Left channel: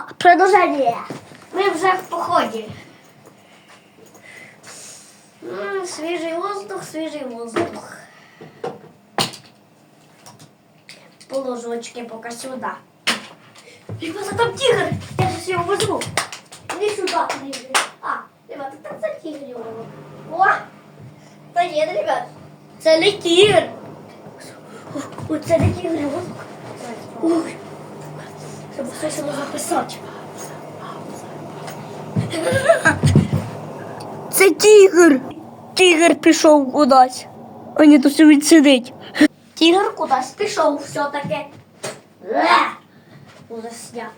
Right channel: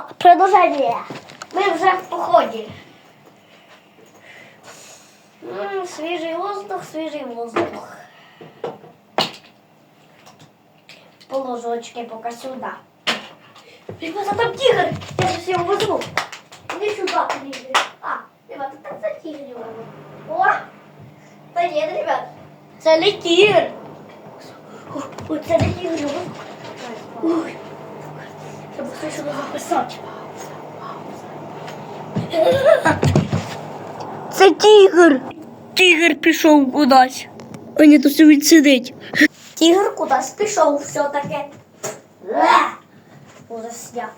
Продовження. Ми вже в поході. М, Свіжий воздух, свіжий воздух. Положочки поки сюди. Ребята, там тигр! Я сейчас его возьму. Иди сюда, тигр. А, ребята, там за тигр его. О! Да нет, ребят. Це не тигр. Ой, це не тигр. його. Ой. Треба все сюди записати. Це тігр. Тігр пішов кудись. А ні, тут він сидить. Тигр кудись пішов все-таки. Е! Ужас я.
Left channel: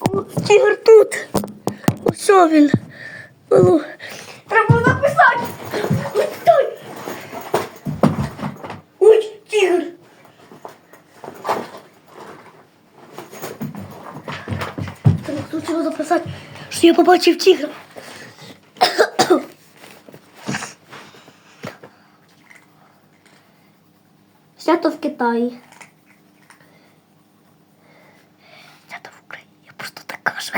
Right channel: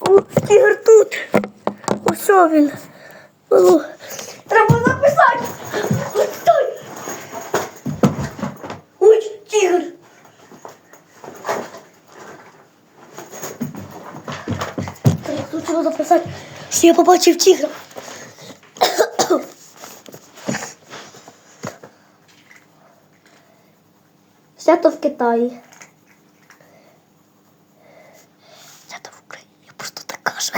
О, тігр тут. Ось він. Ну, Треба записати. Ой, стой. Ой, тігр. Треба записати. Що я побачив тігра. Свято в Китаї. Свято в Україні. Я просто так кажу.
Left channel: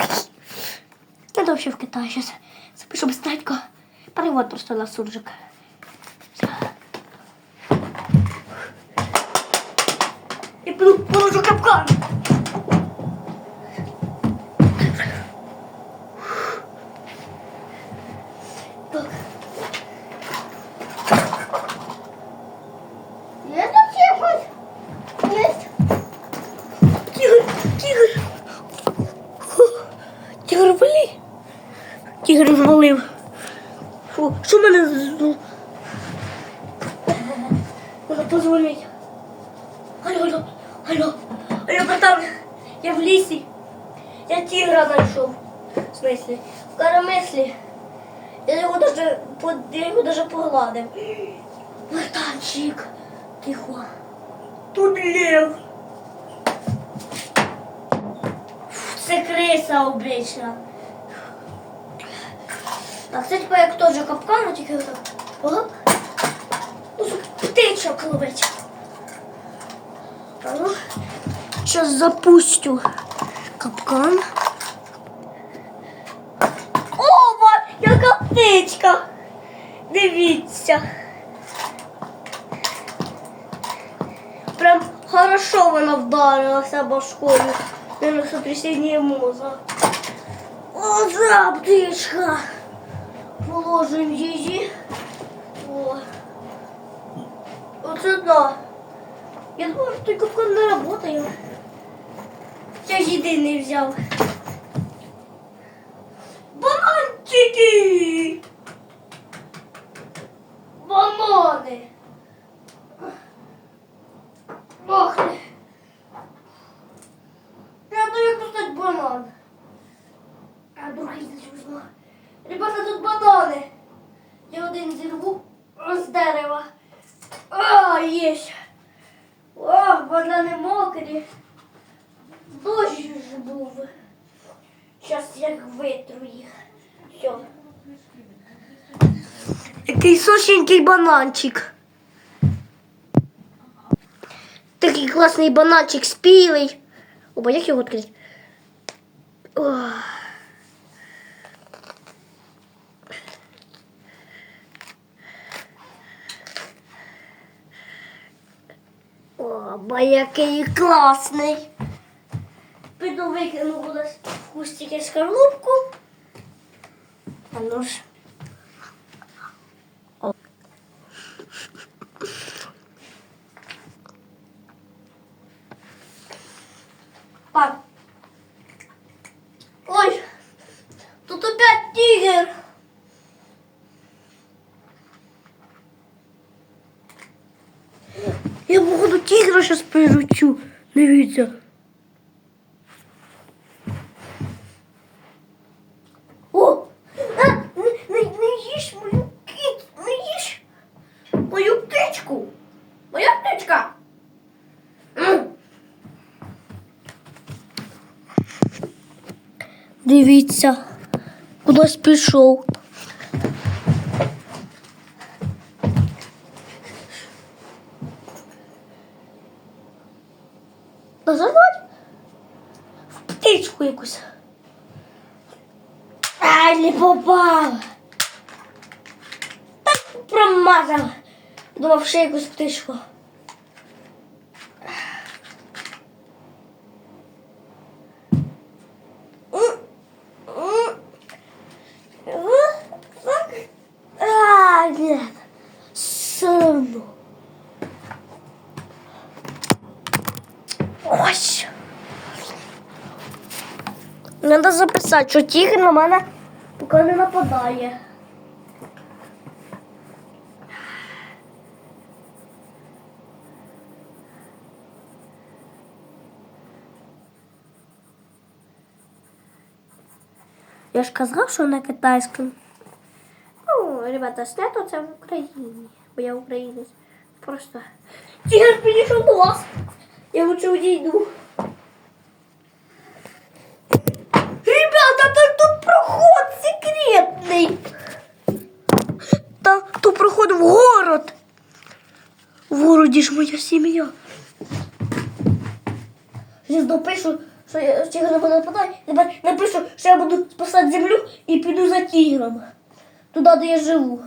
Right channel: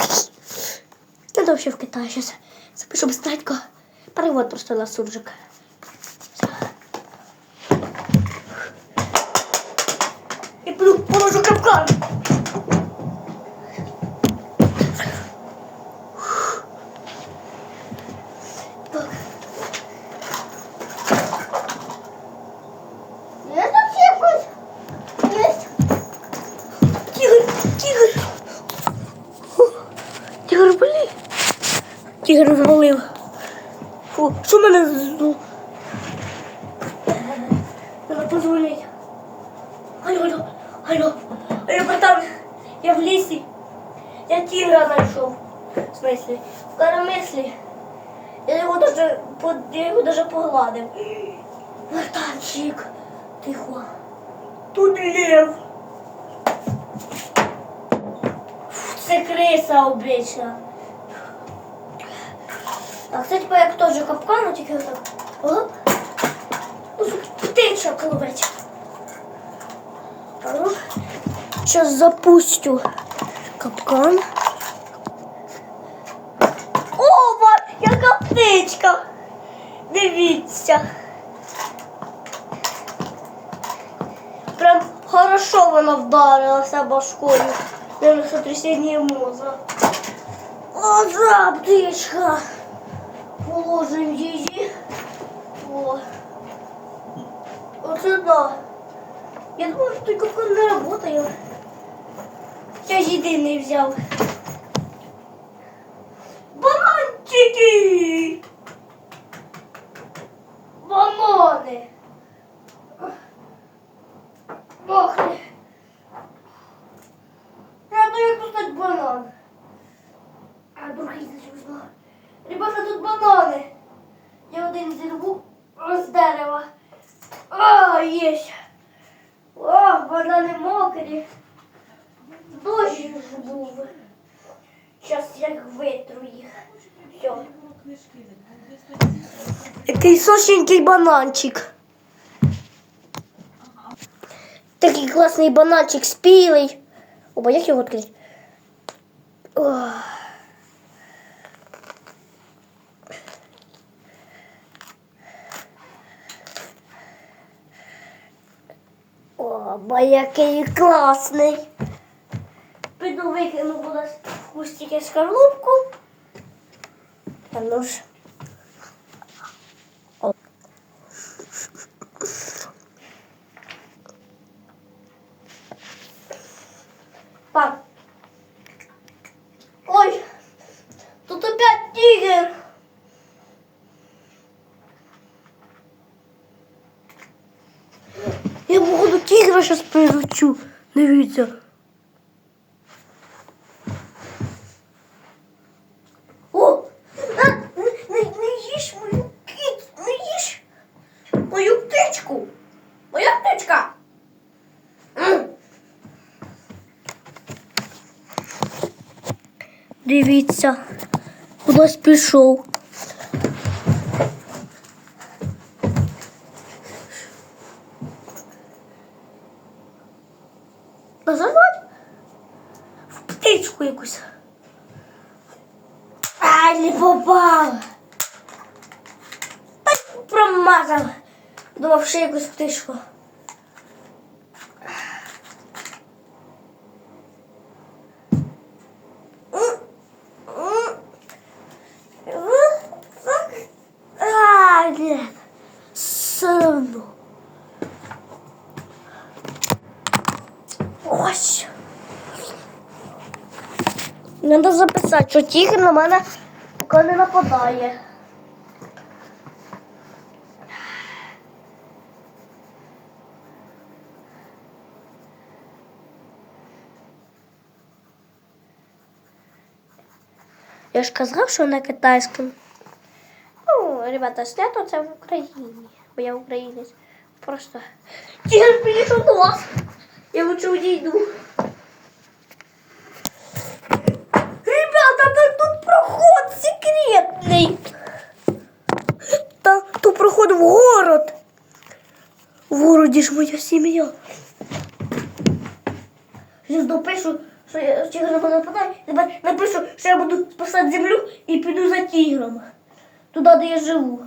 Я взагалі в Китаї зараз. Запишу быстренько. Перевод просто на суржик. Я положу капкан. Тигр, блін. Тигр звалив. Фу, що мене з- Треба позвонити. Алло, алло, алло, алло, братан, я в лісі. Я тигра знайшов. В смысле? В коромислі. Я його даже, я його даже погладив. Братанчик, тихо. Тут лев. Це криса обична. А це типа як теж капкан, тільки отак. Оп. Ну, птичок. Зараз запустю капкан. О, ма- яка птичка! Дивіться. Прям хорошо вона вдарилася башкою. Наверное, сотрясение мозга. О, да. Положим її. О. Оце да. Я думаю, той капкан не работає. Я єдиний взяв. Бананчики! Банани! Ох ти! Треба як кусати банан. А другий зачусно. Ребята, тут банани. Я один зірву з дерева. О, є. О, банани мокрі. Дощ ж був. Зараз я витру їх. Все. Який сочненький бананчик. Такий класний бананчик спілий. Опа, як його відкрити? Ох. Бо який класний. Піду викину буде хустики шкарлупку. Ну ж. О. Так. Ой, тут опять тигр. Я тигра сейчас приручу. Дивіться. О! А, не, не, їж мою кіт, не їж мою птичку. Моя птичка. М. Дивіться, кудись пішов. Посадить? В птичку якусь. Ай, не попала. Так промазав. Думав, ще якусь птичку. Ось. Надо записати, що тігр на мене поки не нападає. Я ж казав, що на китайському. Ну, ребята, снято це в Україні. Бо я українець. Просто. Тігр підійшов до вас. Я лучше удійду. Ребята, так тут проход секретний. Та тут проход в город. В городі ж моя сім'я. Зараз допишу, що я тігр на мене напишу, що я буду спасати землю і піду за тігром. Туди, де я живу.